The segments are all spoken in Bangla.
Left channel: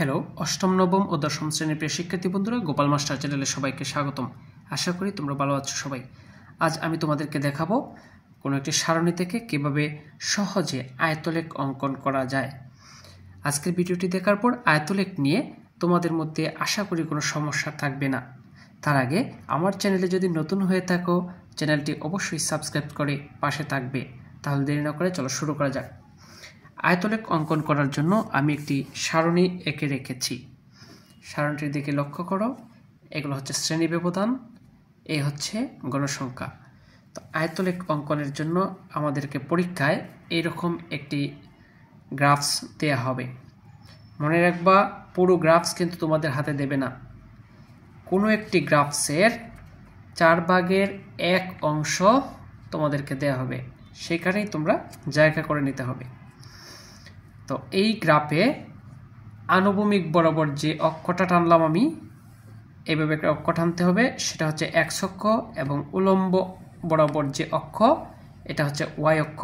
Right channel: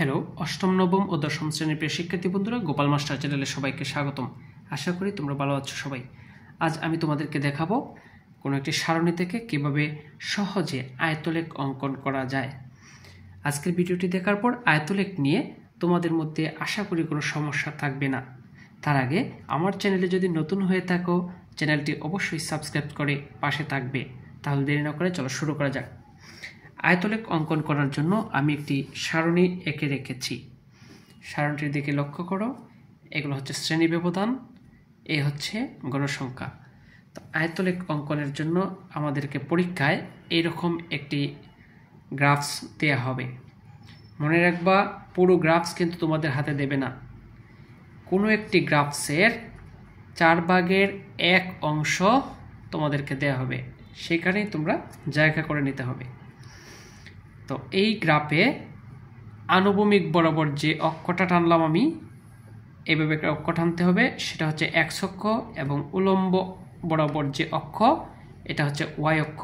হ্যালো অষ্টম নবম ও দশম শ্রেণীর প্রিয় শিক্ষার্থী বন্ধুরা, গোপাল মাস্টার চ্যানেলে সবাইকে স্বাগতম। আশা করি তোমরা ভালো আছো সবাই। আজ আমি তোমাদেরকে দেখাবো কোনো একটি সারণী থেকে কিভাবে সহজে আয়তলেখ অঙ্কন করা যায়। আজকের ভিডিওটি দেখার পর আয়তলেখ নিয়ে তোমাদের মধ্যে আশা করি কোনো সমস্যা থাকবে না। তার আগে আমার চ্যানেলে যদি নতুন হয়ে থাকো, চ্যানেলটি অবশ্যই সাবস্ক্রাইব করে পাশে থাকবে। তাহলে দেরি না করে চলো শুরু করা যাক। আয়তলেখ অঙ্কন করার জন্য আমি একটি সারণী এঁকে রেখেছি। সারণীটির দিকে লক্ষ্য করো। এগুলো হচ্ছে শ্রেণী ব্যবধান, এ হচ্ছে গণসংখ্যা। তো আয়তলেখ অঙ্কনের জন্য আমাদেরকে পরীক্ষায় এইরকম একটি গ্রাফস দেয়া হবে। মনে রাখবা, পুরো গ্রাফস কিন্তু তোমাদের হাতে দেবে না। কোনো একটি গ্রাফসের 4/1 অংশ তোমাদেরকে দেয়া হবে, সেখানেই তোমরা জায়গা করে নিতে হবে। তো এই গ্রাফে আনুভূমিক বরাবর যে অক্ষটা টানলাম আমি, এইভাবে একটা অক্ষ টানতে হবে, সেটা হচ্ছে x অক্ষ, এবং উলম্ব বরাবর যে অক্ষ, এটা হচ্ছে y অক্ষ।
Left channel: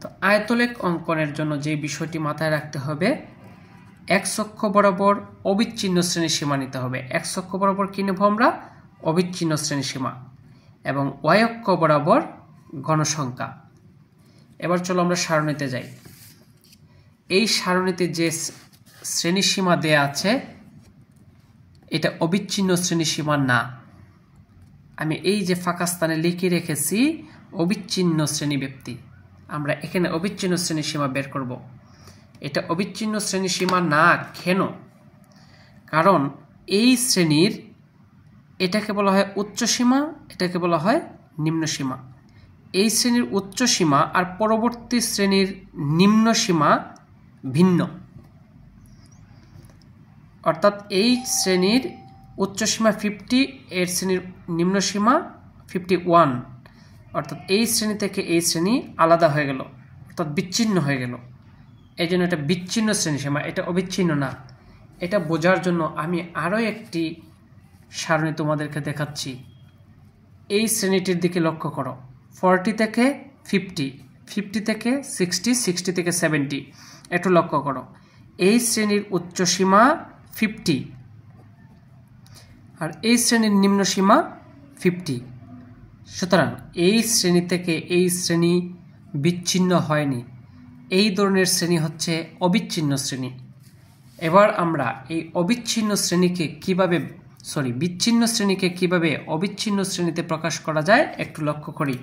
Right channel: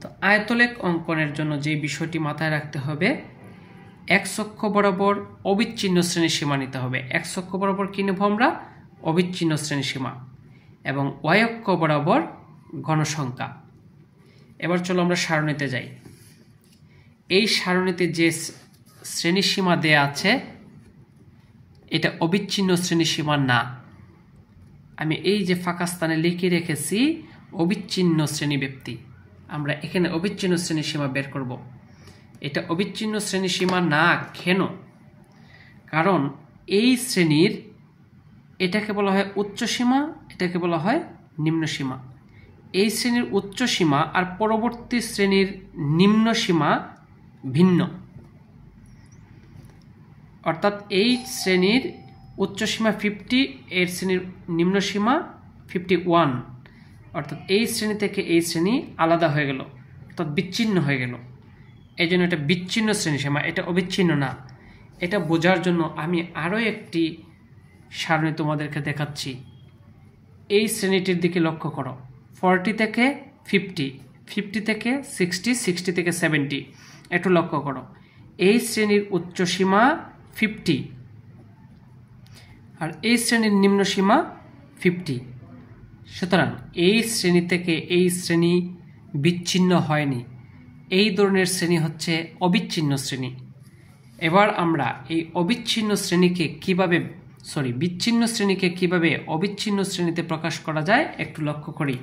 তো আয়তলেখ অঙ্কনের জন্য যে বিষয়টি মাথায় রাখতে হবে, x অক্ষ বরাবর অবিচ্ছিন্ন শ্রেণীসীমা নিতে হবে। x অক্ষ বরাবর কি নেব আমরা? অবিচ্ছিন্ন শ্রেণীসীমা। এবং y অক্ষ বরাবর ঘনসংখ্যা। এবার চলো আমরা সারণীতে যাই। এই সারণীতে যে শ্রেণীসীমা দেয়া আছে, এটা অবিচ্ছিন্ন শ্রেণীসীমা না। আমি এই যে ফাঁকা স্থানে লিখে রেখেছি অবিচ্ছিন্ন শ্রেণীব্যাপ্তি, আমরা এখানে অবিচ্ছিন্ন শ্রেণীসীমা বের করব। এটা অবিচ্ছিন্ন শ্রেণীসীমা না কেন? কারণ এই শ্রেণীর এটাকে বলা হয় উচ্চ সীমা, এটাকে বলা হয় নিম্ন সীমা। এই শ্রেণীর উচ্চ সীমা আর পরবর্তী শ্রেণীর নিম্ন সীমা ভিন্ন। অর্থাৎ এই শ্রেণীর উচ্চ সীমা 50, এর শ্রেণীর নিম্ন সীমা 51। অর্থাৎ এই শ্রেণী থেকে এই শ্রেণী আলাদা হয়ে গেল, অর্থাৎ বিচ্ছিন্ন হয়ে গেল। এই জন্য এটা বিচ্ছিন্ন শ্রেণীসীমা, এটা অবিচ্ছিন্ন না। এটা বোঝার জন্য আমি আরও একটি সারণী তোমাদেরকে দেখাচ্ছি। এই শ্রেণীটির দিকে লক্ষ্য করো। 40 থেকে 50, 50 থেকে 60, 60 থেকে 70। একটু লক্ষ্য করো, এই শ্রেণীর উচ্চ সীমা 50 আর এই শ্রেণীর নিম্ন সীমা 50। সুতরাং এই শ্রেণী থেকে এই শ্রেণী বিচ্ছিন্ন হয়নি। এই ধরনের শ্রেণী হচ্ছে অবিচ্ছিন্ন শ্রেণী। এবার আমরা এই বিচ্ছিন্ন শ্রেণীকে কিভাবে অবিচ্ছিন্ন শ্রেণীতে প্রকাশ করা যায় একটু লক্ষ্য করি।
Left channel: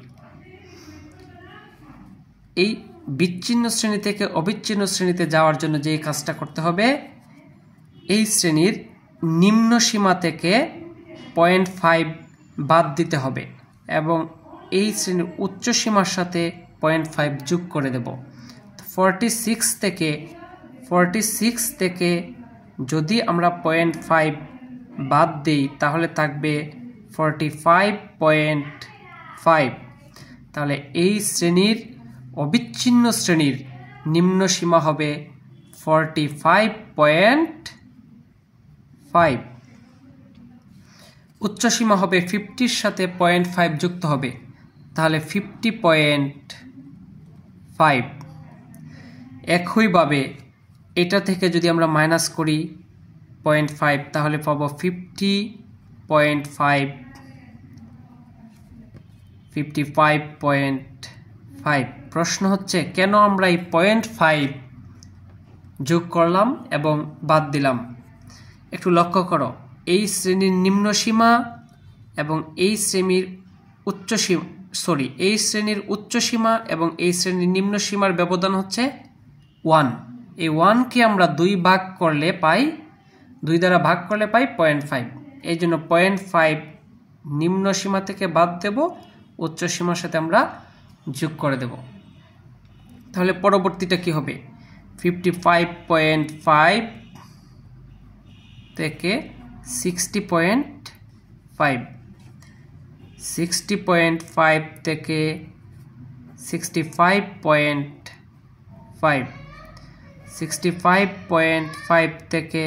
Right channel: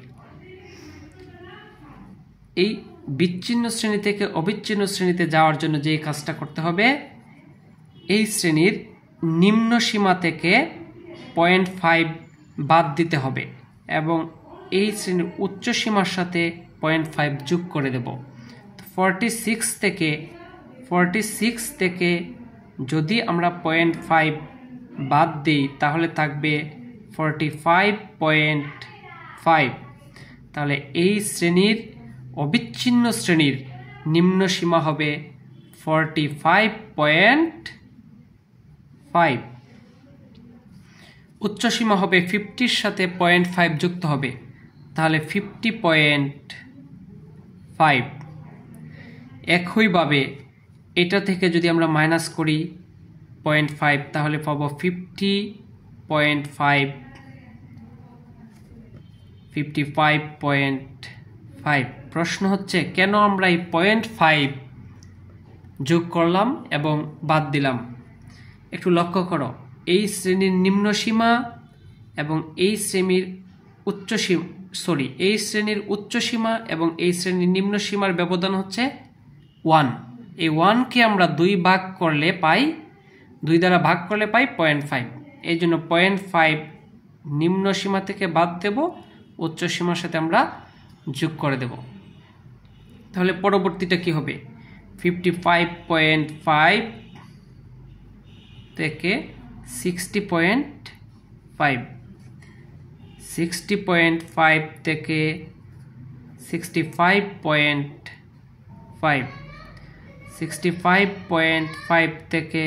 এই বিচ্ছিন্ন শ্রেণী থেকে অবিচ্ছিন্ন শ্রেণীতে যাওয়ার জন্য যে কাজটা করতে হবে, এই শ্রেণীর নিম্ন সীমা থেকে 0.5 বাদ দিতে হবে এবং এই শ্রেণীর উচ্চ সীমার সাথে 0.5 যোগ করে দেব। 46 থেকে যদি আমরা 0.5 বাদ দিই তাহলে থাকবে 45.5। তাহলে এই শ্রেণীর অবিচ্ছিন্ন শ্রেণীর নিম্ন সীমা হবে 45.5। উচ্চ সীমা হবে 50-র সাথে 0.5 যুক্ত হবে, তাহলে 50.5। একইভাবে এটা থেকে যদি আমরা মাইনাস করি 0.5, তাহলে পাবো 55.5। প্রশ্ন হচ্ছে কেন আমরা এই 0.5 যোগ করলাম এবং বাদ দিলাম? একটু লক্ষ্য করো, এই শ্রেণীর নিম্ন সীমা এবং এই শ্রেণীর উচ্চ সীমা এবং এই শ্রেণীর নিম্ন সীমার ব্যবধান হচ্ছে 1। এই 1কে আমরা 2 দ্বারা ভাগ করলে পাই 0.5। এই জন্য 0.5 নিম্ন সীমা থেকে বাদ দেব, উচ্চ সীমার সাথে আমরা যোগ করে দেব। তাহলে পরবর্তীটা কি হবে? 55.5 থেকে 60.5, 60.5 থেকে 65.5, 65.5 থেকে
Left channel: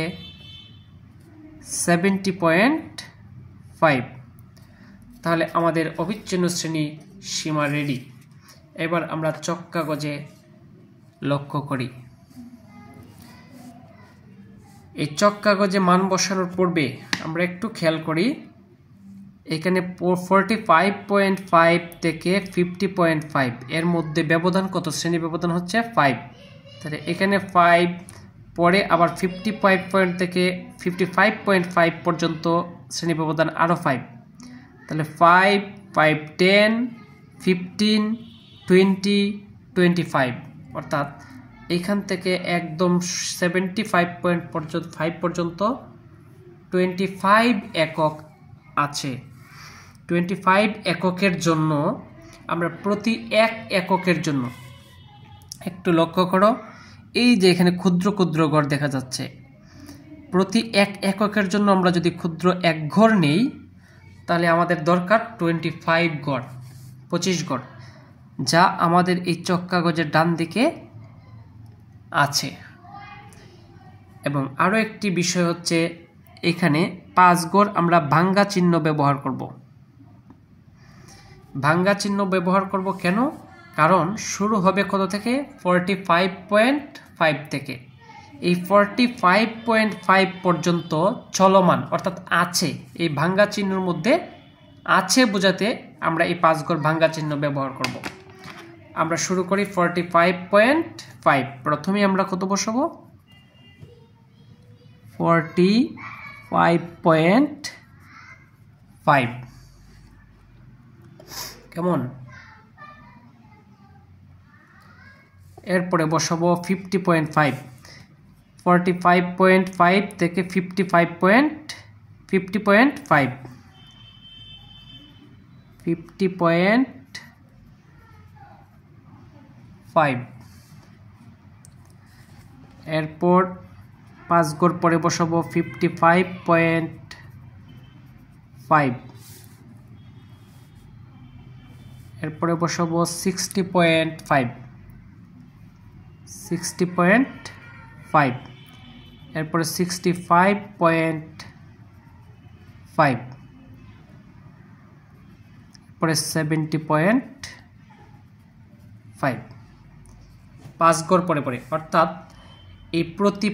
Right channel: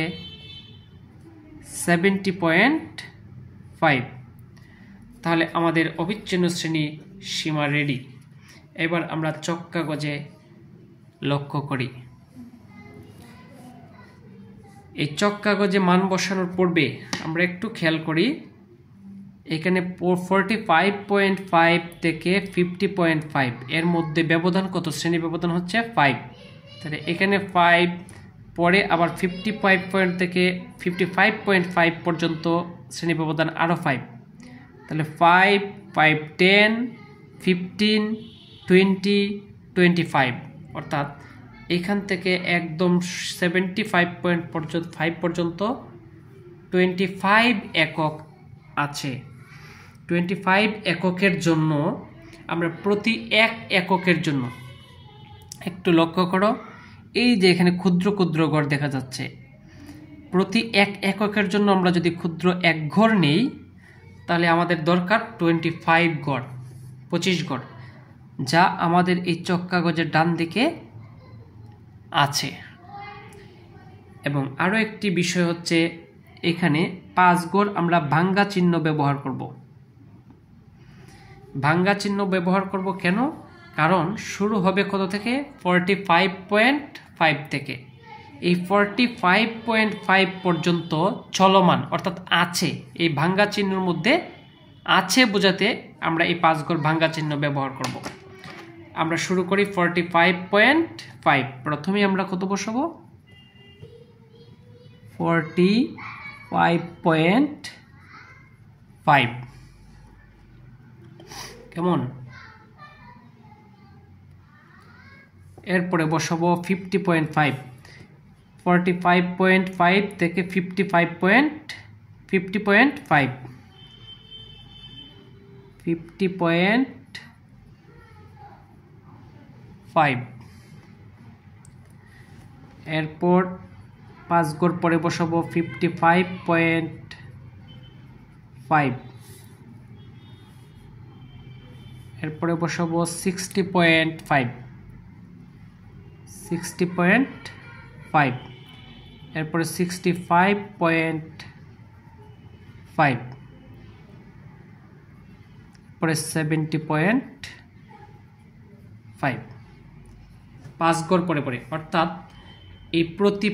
70.5। তাহলে আমাদের অবিচ্ছিন্ন শ্রেণী সীমা রেডি। এবার আমরা চক কাগজে লক্ষ্য করি। এই চক কাগজে মান বসানোর পূর্বে আমরা একটু খেয়াল করি, এখানে 45.5 থেকে 50.5 এর মধ্যে ব্যবধান কত? শ্রেণী ব্যবধান হচ্ছে 5। তাহলে এখানে 5, পরে আবার 55 থেকে 55.5 পর্যন্ত শ্রেণী ব্যবধান আরও 5। তাহলে 5, 5, 10, 15, 20, 25, অর্থাৎ এখান থেকে একদম 75.5 পর্যন্ত 25 একক আছে। 25 এককের জন্য আমরা প্রতি এক এককের জন্য একটু লক্ষ্য করো, এই যে এখানে ক্ষুদ্র ক্ষুদ্র ঘর দেখা যাচ্ছে, প্রতি এক এককের জন্য আমরা যদি ক্ষুদ্র এক ঘর নেই তাহলে আমাদের দরকার 25 ঘর, 25 ঘর, যা আমাদের এই চক কাগজের ডান দিকে আছে। এবং আরও একটি বিষয় হচ্ছে, এখানে 5 ঘর আমরা ভাঙ্গা চিহ্ন ব্যবহার করব। ভাঙ্গা চিহ্ন ব্যবহার করব কেন? কারণ শুরু হবে কত থেকে? 45.5 থেকে। এই 45.5 পর্যন্ত চলমান, অর্থাৎ আছে, এই ভাঙ্গা চিহ্নের মধ্যে আছে বোঝাতে আমরা এই 5 ঘর ভাঙ্গা চিহ্ন ব্যবহার করব। আমরা শুরু করি 45.5। প্রথমে আমরা কত বসাবো? 45.5। কেমন? এরপরে বসাবো 50.5। 45.5 থেকে 50.5 50.5। এরপর 5 ঘর পরে বসাবো 55.5। এরপরে বসাবো 60.5। এরপরে 65.5। পরে 70.5। 5 ঘর পরে পরে, অর্থাৎ এই প্রতি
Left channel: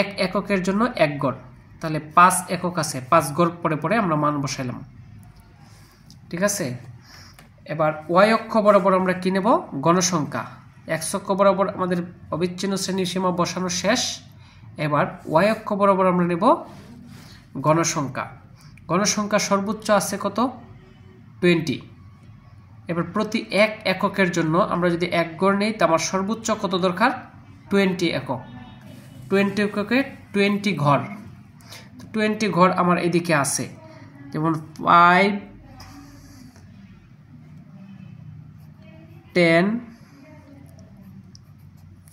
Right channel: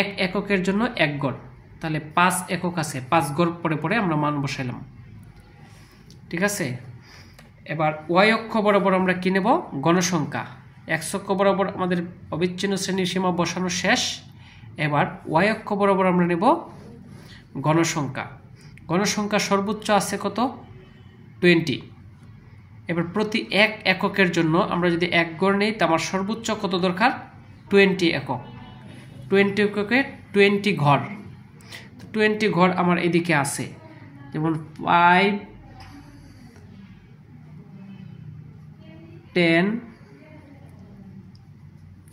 এক এককের জন্য এক ঘর, তাহলে 5 একক আছে, 5 ঘর পরে পরে আমরা মান বসাইলাম। ঠিক আছে, এবার ওয়াই অক্ষ বরাবর আমরা কি নেব? গণসংখ্যা। এক্স অক্ষ বরাবর আমাদের অবিচ্ছিন্ন শ্রেণীর সীমা বসানো শেষ। এবার ওয়াই অক্ষ বরাবর আমরা নেব গণসংখ্যা। গণসংখ্যা সর্বোচ্চ আছে কত? 20। এবার প্রতি এক এককের জন্য আমরা যদি এক ঘর নেই, তা আমার সর্বোচ্চ কত দরকার? 20 একক। 20 এককে 20 ঘর। 20 ঘর আমার এদিকে আছে, যেমন 5, 10,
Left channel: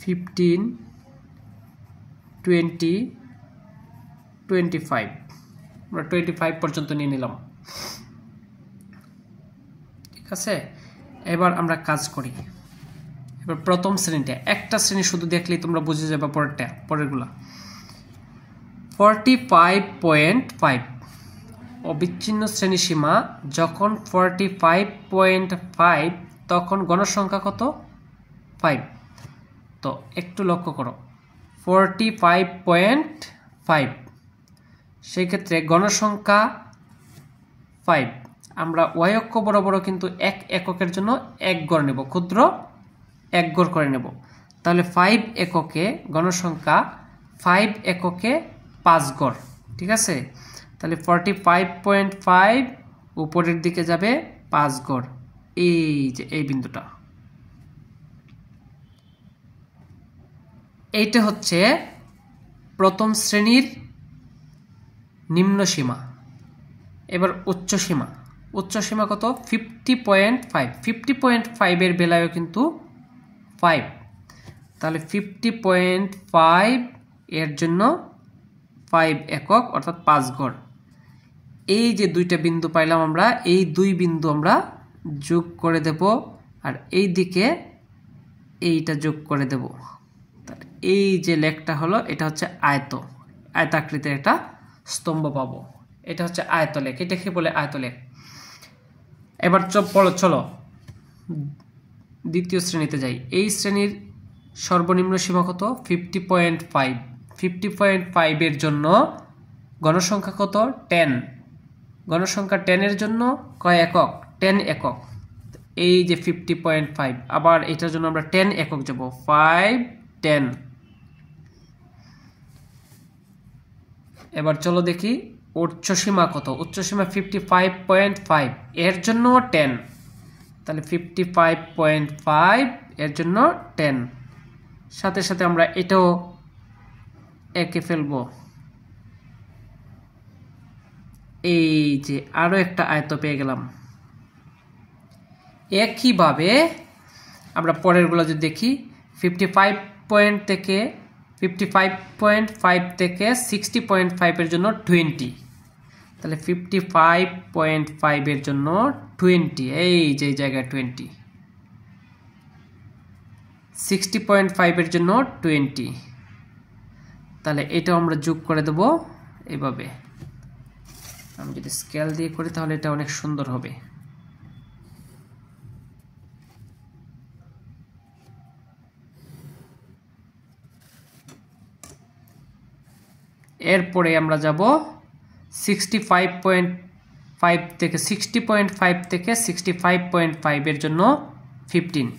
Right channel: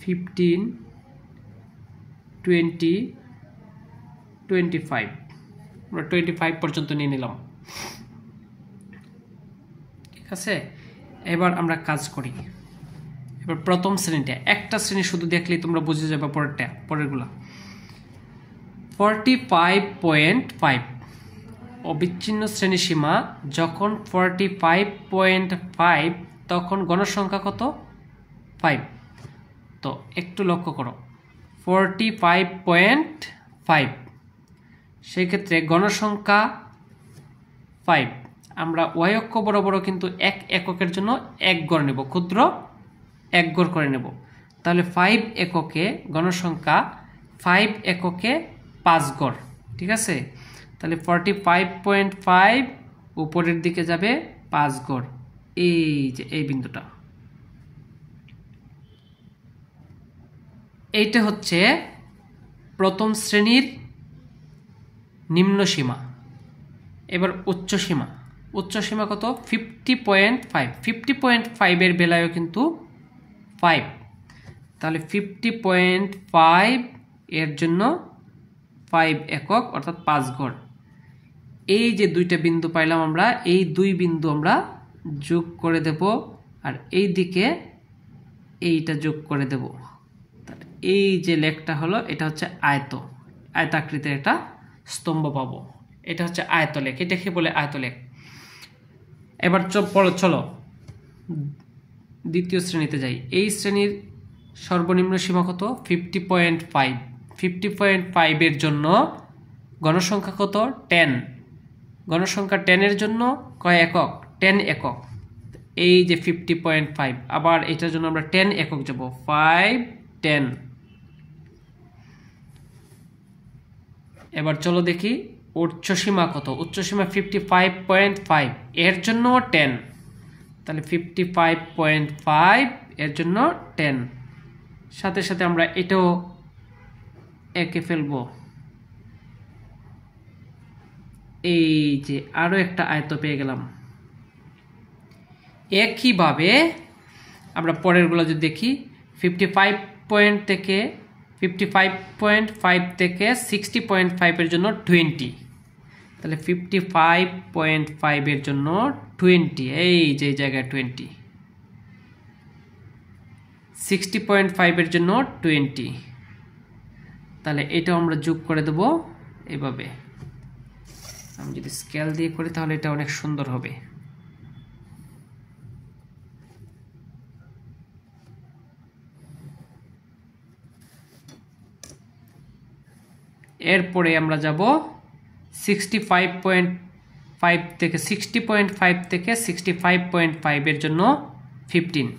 15, 20, 25। আমরা 25 পর্যন্ত নিয়ে নিলাম। ঠিক আছে, এবার আমরা কাজ করি। এবার প্রথম শ্রেণীটা, একটা শ্রেণী শুধু দেখলেই তোমরা বুঝে যাবে পরেরগুলা। 45.5 অবিচ্ছিন্ন শ্রেণী সীমা যখন 45.5, তখন গণসংখ্যা কত? 5। তো একটু লক্ষ্য করো, 45.5, সেক্ষেত্রে গণসংখ্যা 5। আমরা ওয়াই অক্ষ বরাবরও কিন্তু এক এককের জন্য এক ঘর নেব, ক্ষুদ্র এক ঘর করে নেব। তাহলে 5 এককে গণসংখ্যা 5 এককে 5 ঘর। ঠিক আছে, তাহলে 45.5 উপরের দিকে যাবে 5 ঘর, এই যে এই বিন্দুটা, এইটা হচ্ছে প্রথম শ্রেণীর নিম্ন সীমা। এবার উচ্চ সীমা। উচ্চ সীমা কত? 50.5। 50.5 এর বেলায়ও কিন্তু 5, তাহলে 50.5 এর জন্য 5 একক, অর্থাৎ 5 ঘর। এই যে দুইটা বিন্দু পাইলাম আমরা, এই দুই বিন্দু আমরা যোগ করে দেব, আর এই দিকে এইটা যোগ করে দেব। এই যে লেখটা হলো, এটা হচ্ছে আয়তাকৃতির একটা স্তম্ভ পাবো। এটা হচ্ছে আয়তলেখ, এটাকে বলে আয়তলেখ। এবার চলো দ্বিতীয় শ্রেণীতে যাই। এই শ্রেণীর সর্বনিম্ন সীমা কত? 50.5। 50.5 এর জন্য গণসংখ্যা কত 10, গণসংখ্যা 10 এর জন্য কয় একক 10 একক, এই যে 50.5, আবার এটার জন্য আমরা 10 একক যাব 5 10। এবার চলো দেখি উচ্চসীমা কত, উচ্চসীমা 55.5 এর জন্য 10, তাহলে 55.5 এর জন্য 10, সাথে সাথে আমরা এটাও এঁকে ফেলবো। এই যে আরো একটা আয়ত পেয়ে গেলাম। একইভাবে আমরা পরেরগুলো যদি দেখি 55 থেকে 55.5 থেকে 60.5 এর জন্য 20, তাহলে 55.5 এর জন্য 20, এই যে জায়গায় 20, 60.5 এর জন্য 20, তাহলে এটা আমরা যোগ করে দেব এইভাবে। আমি যদি স্কেল দিয়ে করি তাহলে এটা অনেক সুন্দর হবে। এরপরে আমরা যাব 65.5 থেকে 60.5 থেকে 65.5 এর জন্য 15,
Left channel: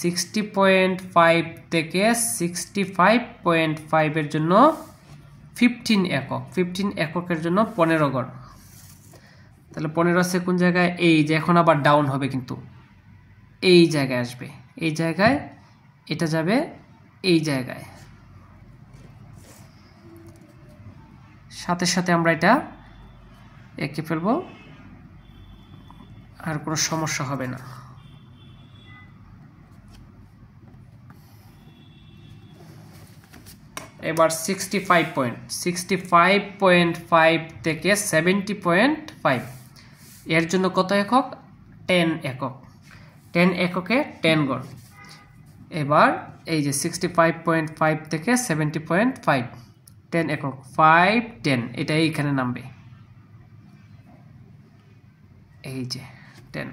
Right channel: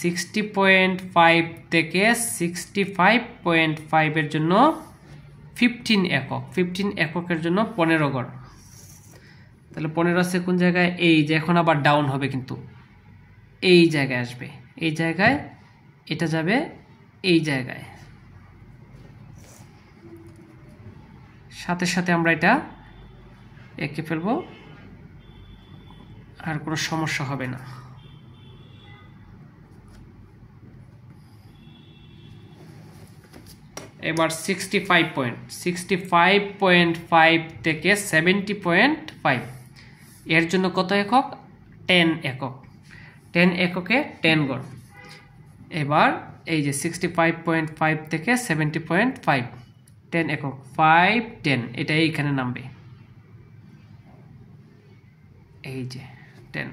60.5 থেকে 65.5 এর জন্য 15 একক, 15 এককের জন্য 15 গড়, তাহলে 15 আছে কোন জায়গায়, এই যে এখন আবার ডাউন হবে কিন্তু এই জায়গায় আসবে, এই জায়গায় এটা যাবে এই জায়গায়, সাথে সাথে আমরা এটা এঁকে ফেলবো, আর কোনো সমস্যা হবে না। এবার 65.5 থেকে 70.5 এর জন্য কত একক 10 একক, 10 এককে 10 গড়। এবার এই যে 65.5 থেকে 70.5 10 একক 5 10, এটা এইখানে নামবে, এই যে 10।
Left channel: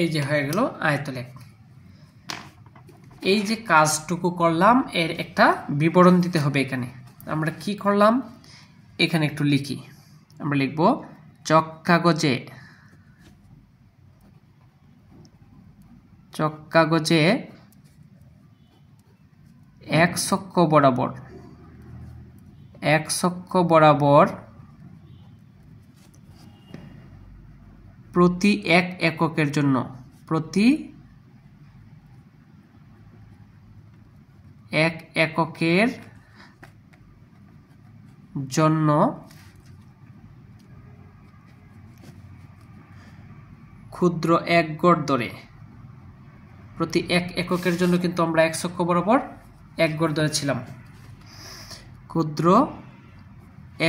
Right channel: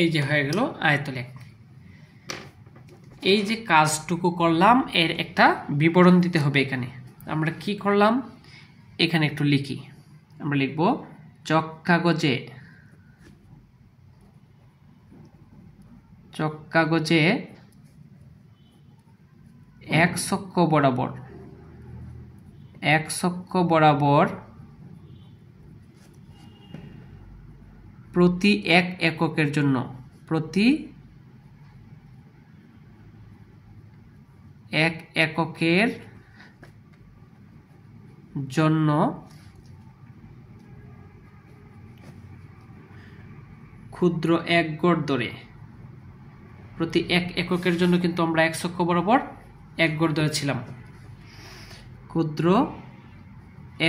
এই যে হয়ে গেল আয়তলেখ। এই যে কাজটুকু করলাম এর একটা বিবরণ দিতে হবে। এখানে আমরা কি করলাম, এখানে একটু লিখি, আমরা লিখব চক কাগজে এক অক্ষ বরাবর প্রতি এক এককের জন্য ক্ষুদ্র এক গড় ধরে, প্রতি এক এককের জন্য কিন্তু আমরা এক অক্ষ বরাবর এক গড় ধরেছিলাম, ক্ষুদ্র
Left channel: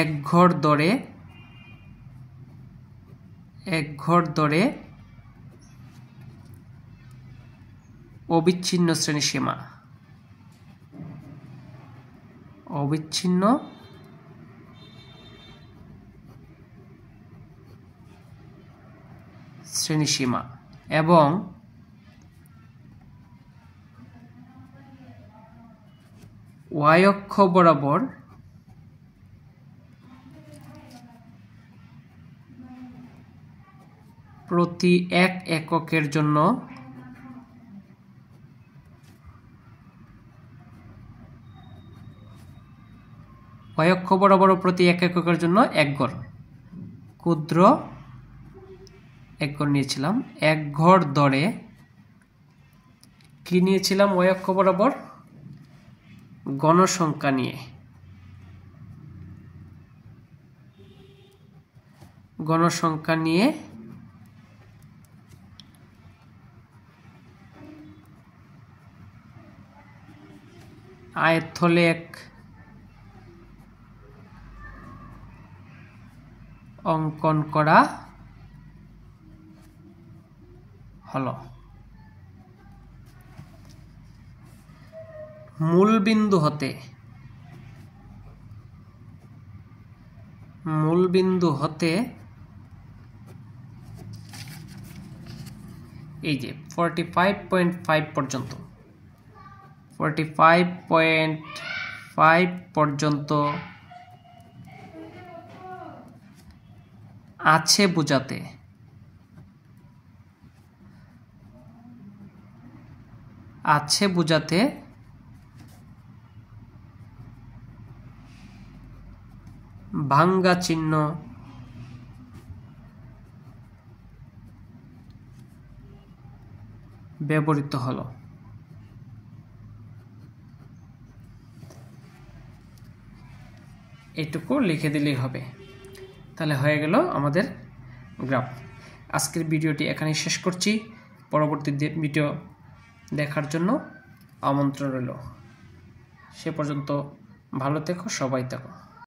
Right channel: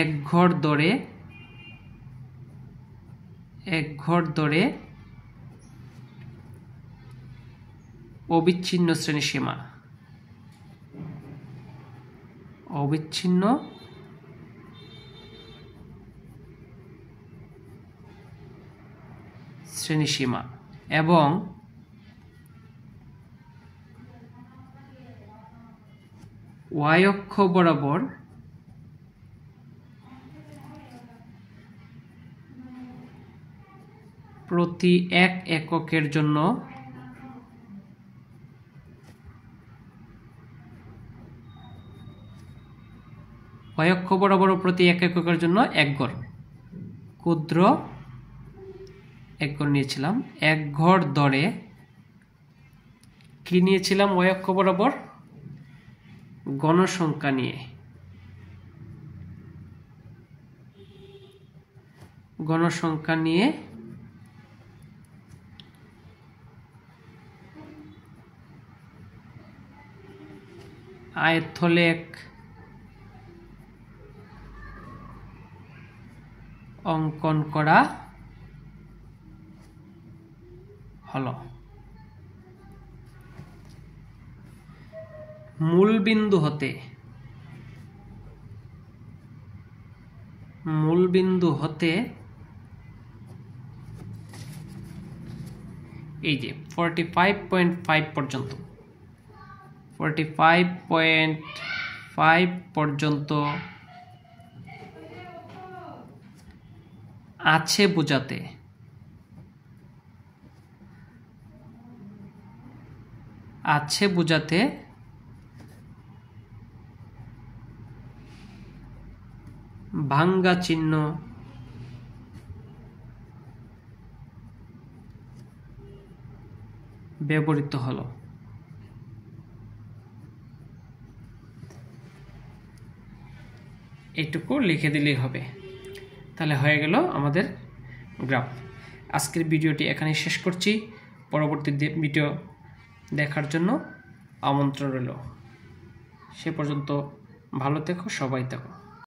এক ঘর ধরে অবিচ্ছিন্ন শ্রেণীসীমা, এবং y অক্ষ বরাবর প্রতি এক এককের জন্য y অক্ষ বরাবর প্রতি এক এককের জন্য এক গড়, ক্ষুদ্র এক গড় নিয়েছিলাম, এক ঘর ধরে কি নিয়েছিলাম, y অক্ষ বরাবর গণসংখ্যা নিয়ে, আয়তলেখ অঙ্কন করা হলো। মূল বিন্দু হতে মূলবিন্দু হতে এই যে 45.5 পর্যন্ত 45.5 পর্যন্ত আছে বোঝাতে ভাঙ্গা চিহ্ন ব্যবহৃত হলো। এইটুকু লিখে দিলেই হবে, তাহলে হয়ে গেল আমাদের গ্রাফ। আজকের ভিডিওটি এখানেই শেষ করছি। পরবর্তী ভিডিও দেখার জন্য আমন্ত্রণ রইল। সে পর্যন্ত ভালো থেকো, সবাই থেকো।